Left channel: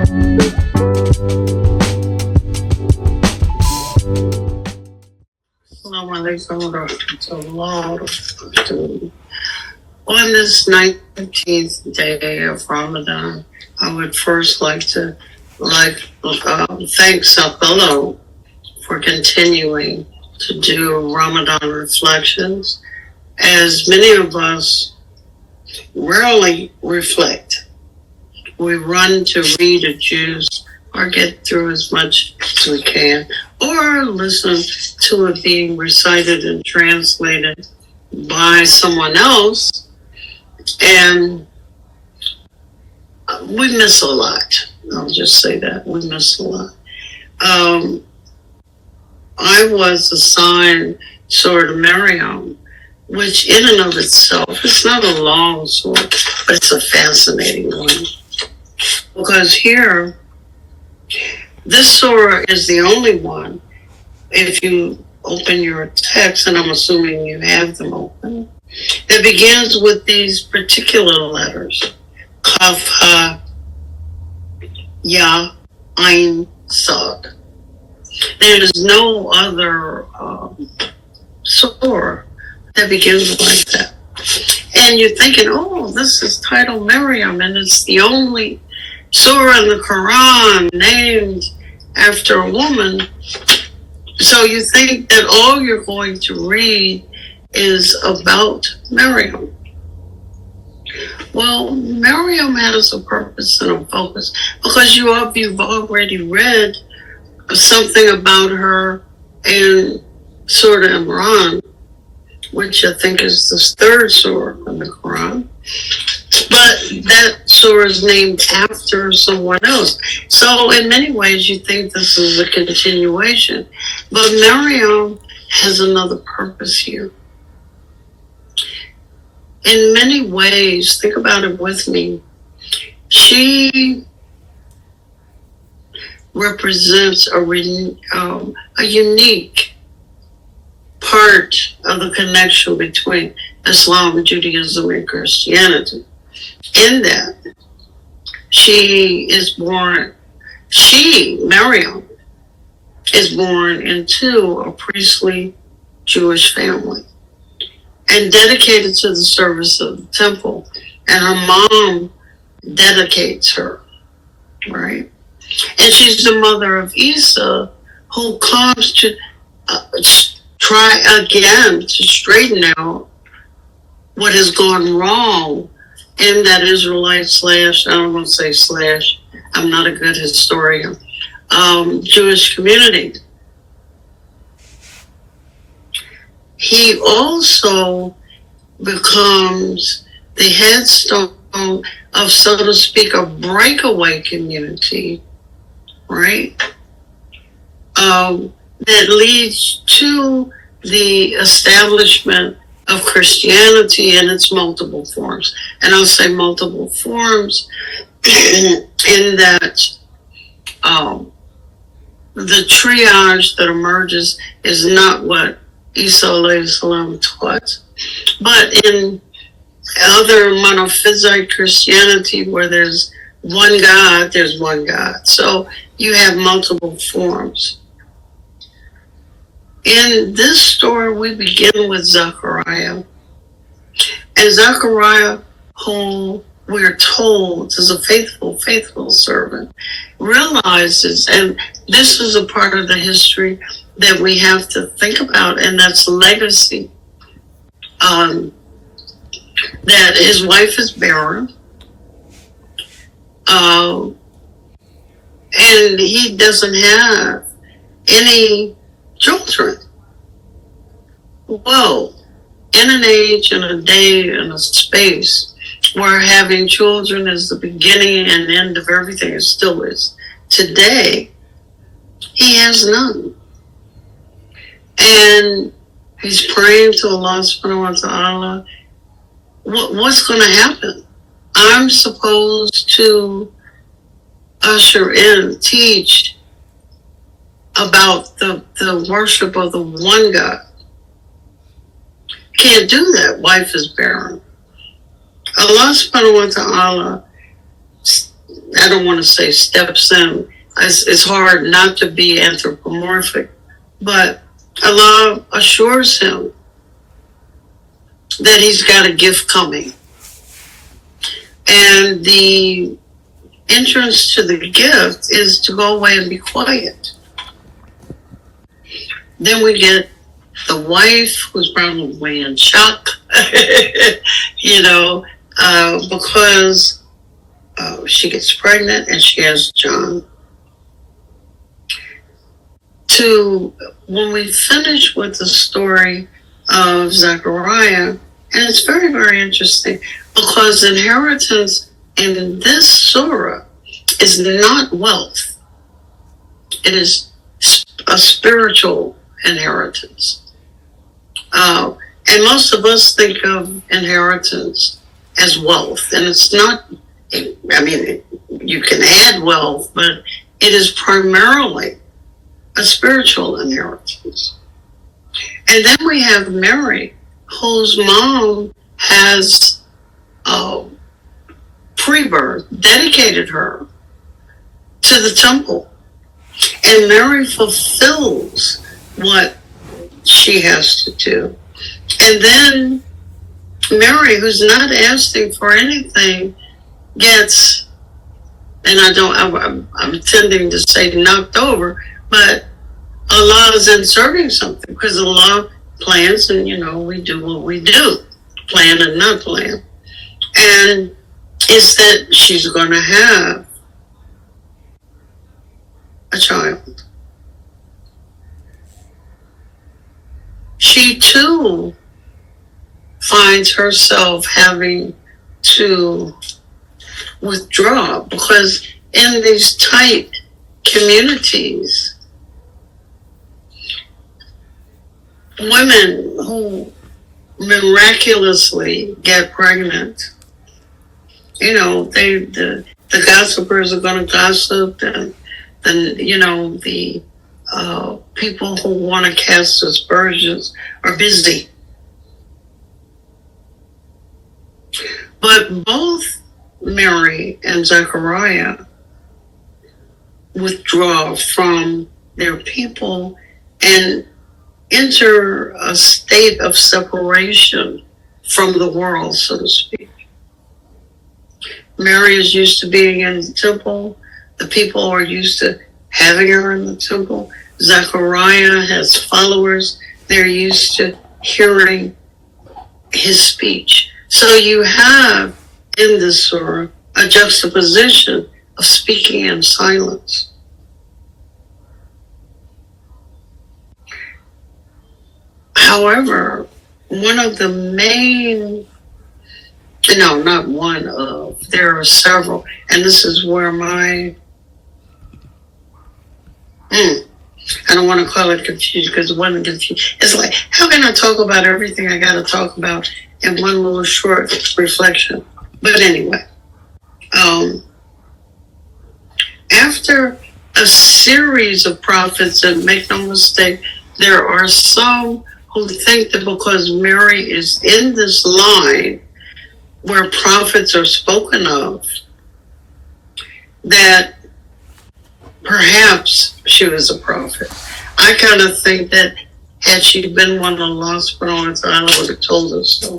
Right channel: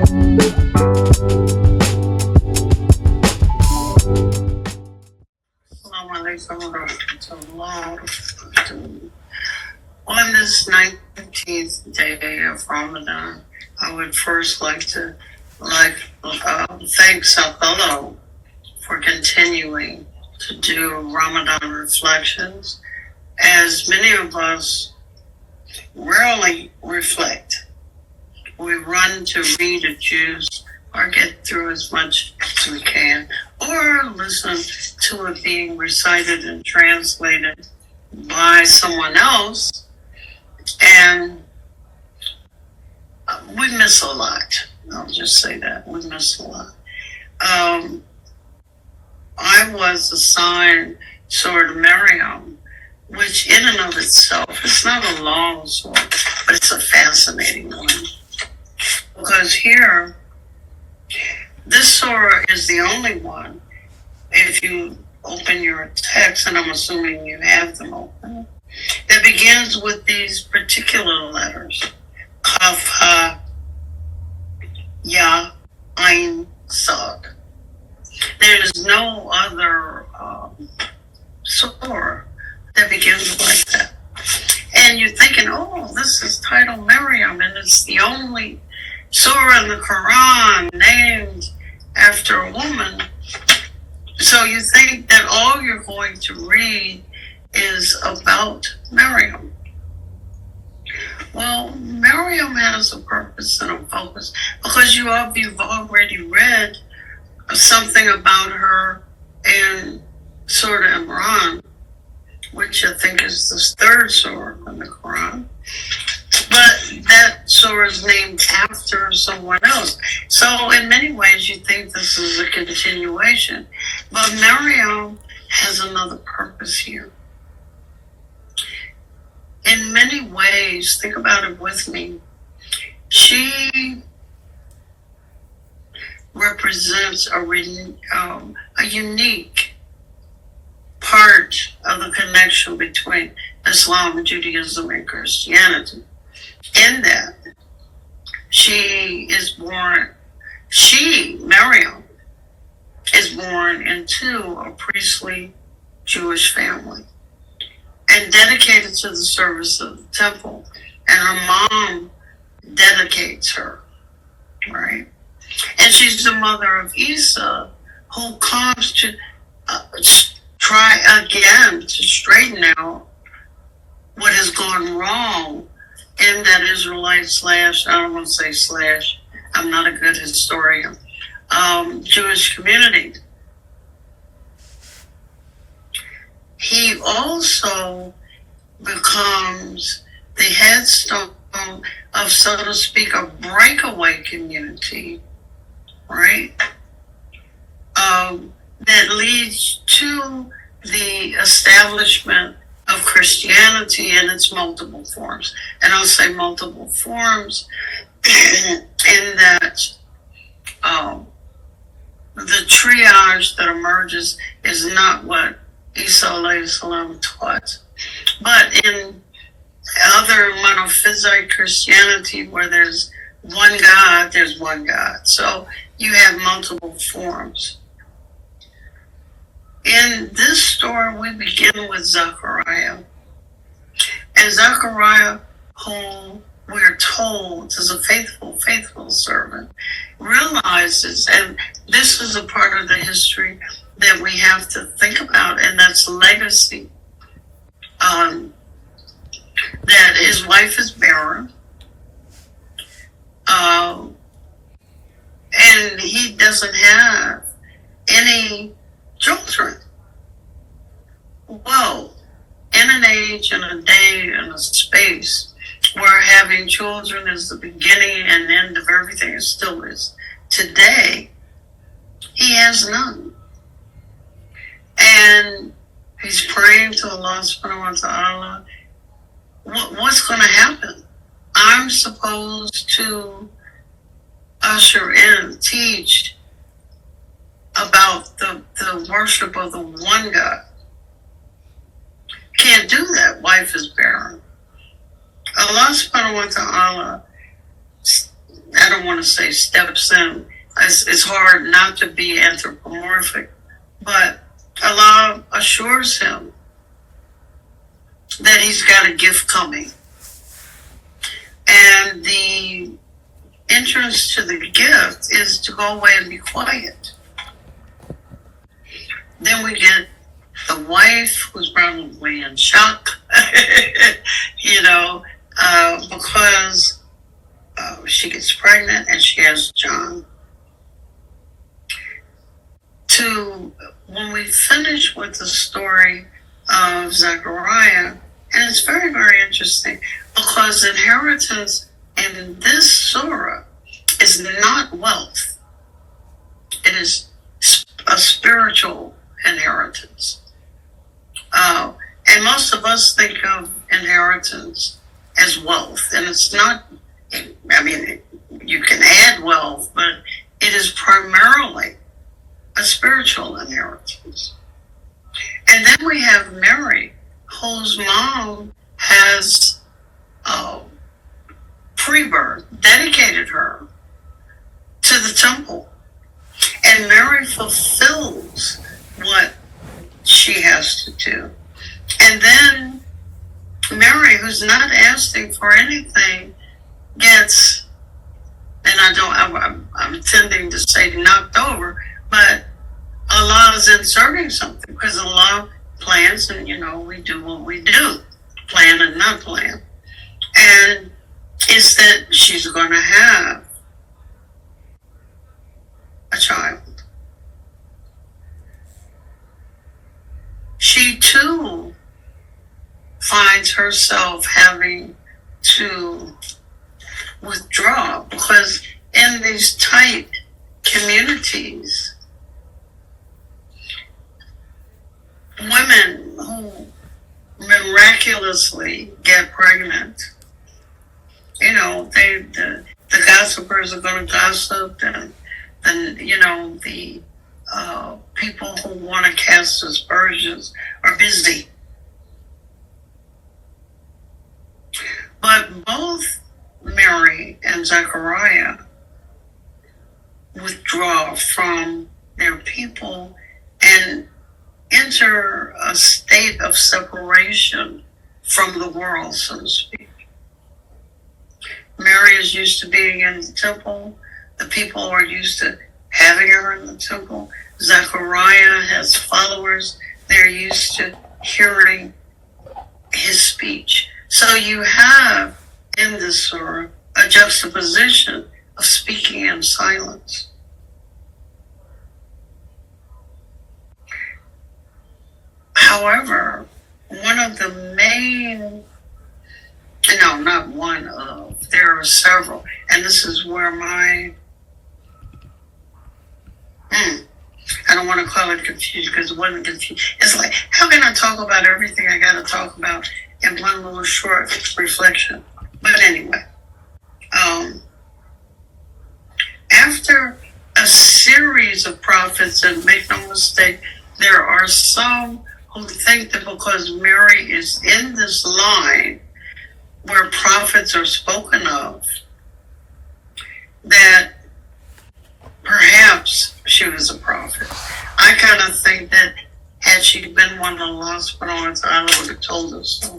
On this 19th day of Ramadan, I would first like to thank Sapelo for continuing to do Ramadan reflections, as many of us rarely reflect. We run to read or choose or get through as much as we can, or listen to it being recited and translated by someone else, and we miss a lot. I'll just say that. We miss a lot. I was assigned Surah Maryam, which in and of itself is not a long surah, but it's a fascinating one. Because here, this surah is the only one, if you open your text, and I'm assuming you have them open, that begins with these particular letters: Kaf, Ha, Ya, Ain, Sad. There is no other surah that begins like that. And you're thinking, oh, this is titled Maryam, and it's the only surah in the Quran named after a woman. So you think that all you're going to read is about Maryam. Well, Maryam has a purpose and a focus, because you've already read something about her in Surah Imran, which I think is the third surah in the Quran. But that surah is named after someone else. So in many ways, you think this is a continuation. But Maryam has another purpose here. In many ways, think about it with me, she represents a unique part of the connection between Islam, Judaism, and Christianity, in that Maryam, is born into a priestly Jewish family and dedicated to the service of the temple. And her mom dedicates her, right? And she's the mother of Isa, who comes to try again to straighten out what has gone wrong in that Israelite I'm not a good historian, Jewish community. He also becomes the headstone of, so to speak, a breakaway community, right? That leads to the establishment of Christianity in its multiple forms. And I'll say multiple forms in that the triage that emerges is not what Isa alayhi salam taught, but in other monophysite Christianity, where there's one God, there's one God. So you have multiple forms. In this story, we begin with Zechariah. And Zechariah, who we're told is a faithful servant, realizes, and this is a part of the history that we have to think about, and that's legacy. That his wife is barren, and he doesn't have any children. Well, in an age and a day and a space where having children is the beginning and end of everything, it still is today, he has none. And he's praying to Allah subhanahu wa ta'ala, what's going to happen? I'm supposed to usher in, teach about the worship of the one God. Can't do that. Wife is barren. Allah subhanahu wa ta'ala I don't want to say steps in. It's hard not to be anthropomorphic, but Allah assures him that he's got a gift coming. And the entrance to the gift is to go away and be quiet. Then we get the wife who's probably in shock, because she gets pregnant and she has John. When we finish with the story of Zechariah, and it's very, very interesting because inheritance in this surah is not wealth. It is a spiritual inheritance. And most of us think of inheritance as wealth, and it's not. I mean, you can add wealth, but it is primarily a spiritual inheritance. And then we have Mary, whose mom has pre-birth dedicated her to the temple. And Mary fulfills what she has to do. And then Mary, who's not asking for anything, gets, and I'm tending to say knocked over, but Allah is inserting something because Allah plans, and we do what we do, plan and not plan. And it's that she's going to have a child. She too finds herself having to withdraw because in these tight communities, women who miraculously get pregnant, the gossipers are going to gossip, and the people who want to cast aspersions are busy. But both Mary and Zechariah withdraw from their people and enter a state of separation from the world, so to speak. Mary is used to being in the temple. The people are used to having her in the temple. Zechariah has followers. They're used to hearing his speech. So you have in this surah a juxtaposition of speaking and silence. However, there are several, and this is where I don't want to call it confusion because it wasn't confusion. It's like, how can I talk about everything I got to talk about in one little short reflection? But anyway, after a series of prophets, and make no mistake, there are some who think that because Mary is in this line where prophets are spoken of, that perhaps she was a prophet. I kind of think that had she been one of Allah subhanahu wa ta'ala would have told us so.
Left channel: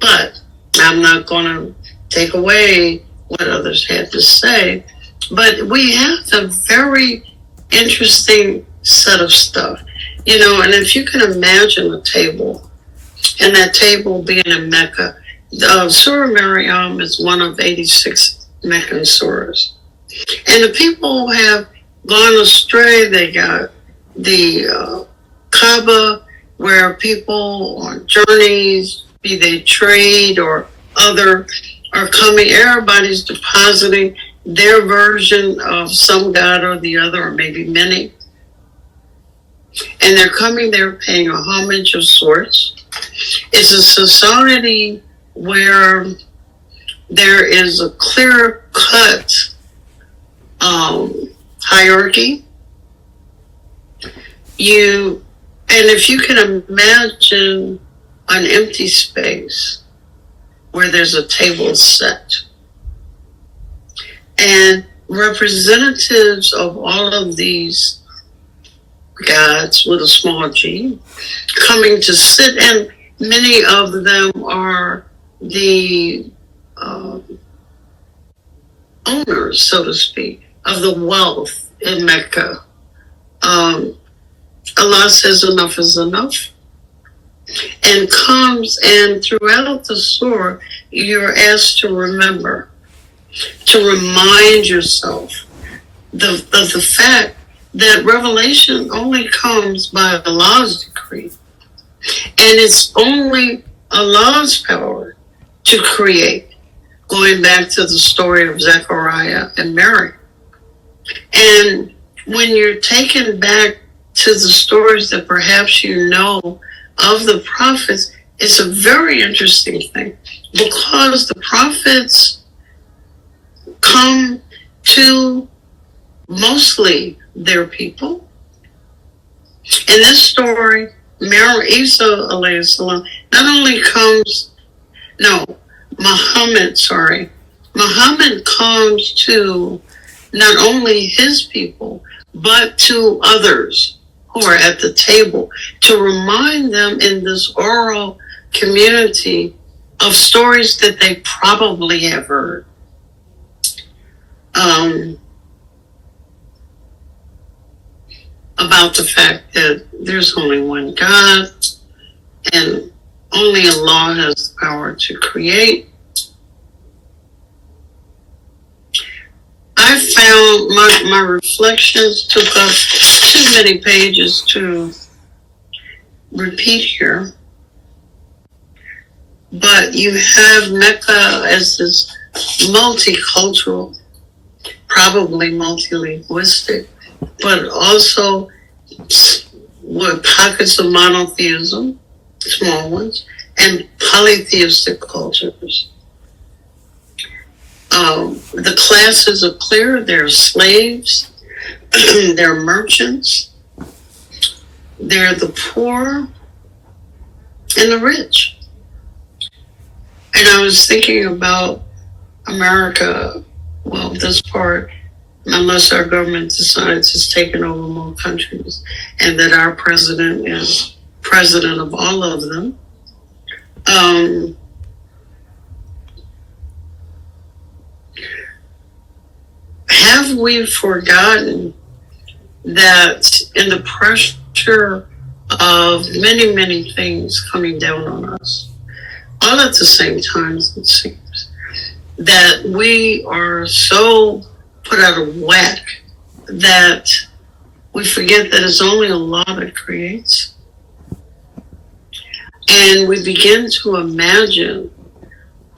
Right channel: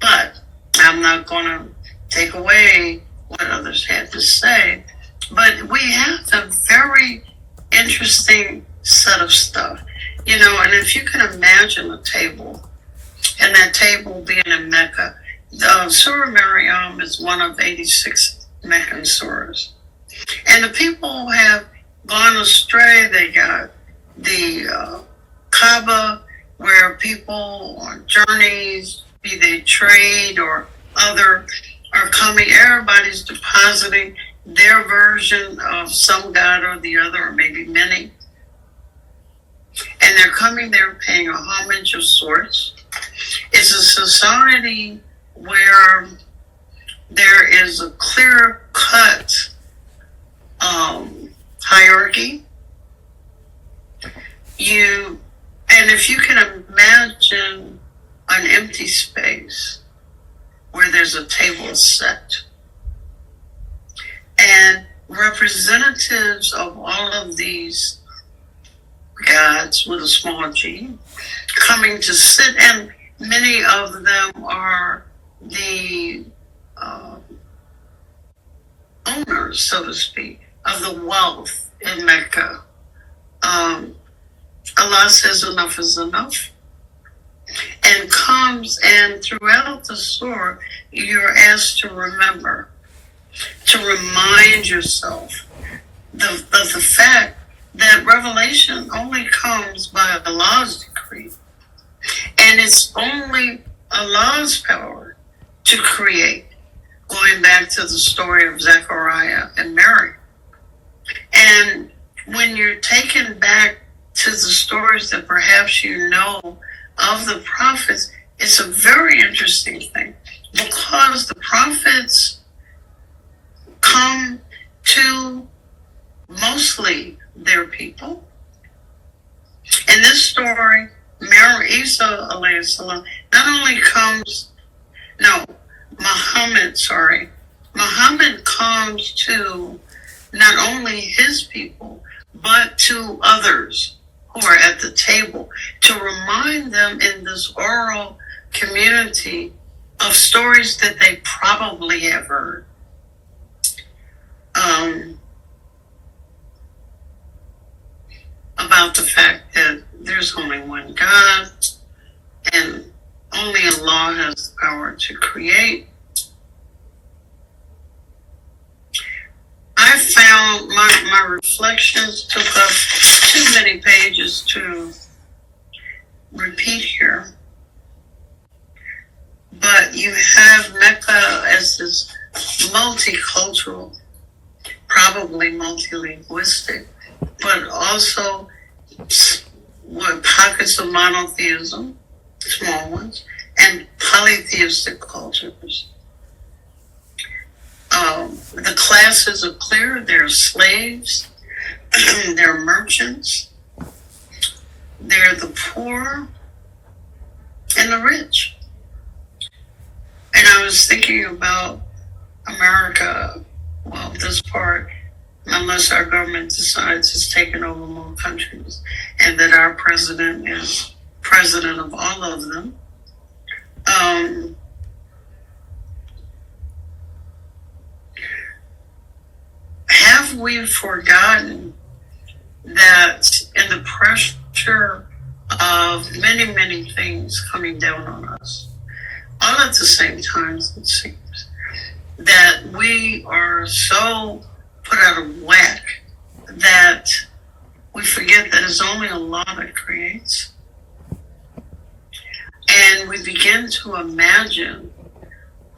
But I'm not going to take away what others had to say. But we have a very interesting set of stuff. And if you can imagine a table, and that table being in Mecca, Surah Maryam is one of 86 Meccan surahs. And the people have gone astray. They got the Kaaba, where people on journeys, be they trade or other, are coming. Everybody's depositing their version of some god or the other, or maybe many. And they're coming there paying a homage of sorts. It's a society where there is a clear-cut hierarchy. And if you can imagine an empty space where there's a table set, and representatives of all of these gods with a small g coming to sit, and many of them are the owners, so to speak, of the wealth in Mecca. Allah says enough is enough, and comes, and throughout the surah you're asked to remember, to remind yourself of the fact that revelation only comes by Allah's decree, and it's only Allah's power to create, going back to the story of Zechariah and Mary. And when you're taken back to the stories that perhaps you know of the prophets, it's a very interesting thing, because the prophets come to mostly their people. In this story, Isa alayhi salam not only Muhammad comes to not only his people, but to others who are at the table, to remind them in this oral community of stories that they probably have heard. About the fact that there's only one God, and only Allah has the power to create. I found my reflections took up too many pages to repeat here, but you have Mecca as this multicultural, probably multilinguistic, but also with pockets of monotheism, small ones, and polytheistic cultures. The classes are clear. There are slaves, there are merchants, there are the poor and the rich. And I was thinking about America, well, this part, unless our government decides it's taken over more countries, and that our president is president of all of them. Have we forgotten that in the pressure of many, many things coming down on us, all at the same time, it seems, that we are so put out of whack that we forget that it's only Allah that creates? And we begin to imagine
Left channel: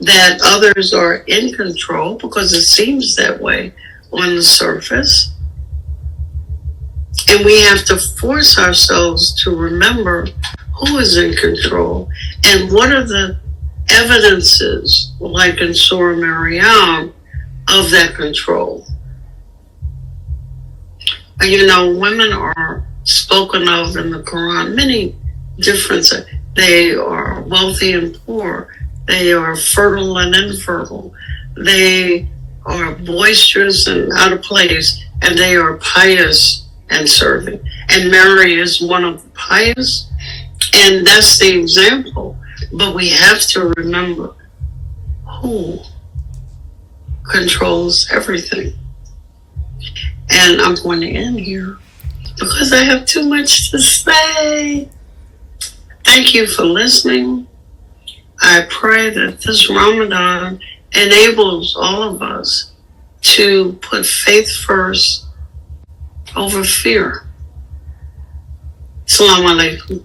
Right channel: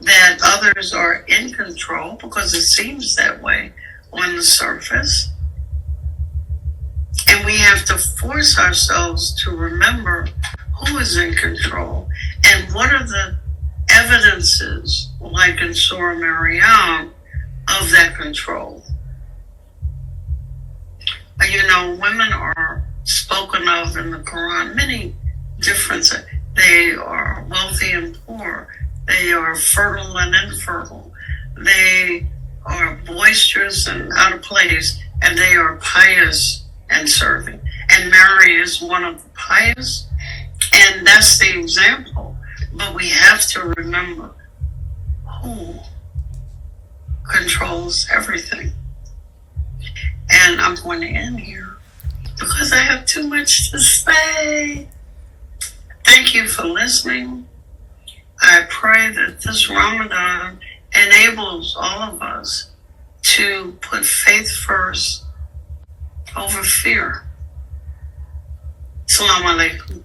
that others are in control, because it seems that way on the surface. And we have to force ourselves to remember who is in control and what are the evidences, like in Surah Maryam, of that control. You know, women are spoken of in the Quran, many different. They are wealthy and poor. They are fertile and infertile. They are boisterous and out of place. And they are pious and serving. And Mary is one of the pious. And that's the example. But we have to remember who controls everything. And I'm going to end here because I have too much to say. Thank you for listening. I pray that this Ramadan enables all of us to put faith first over fear. Assalamu alaikum.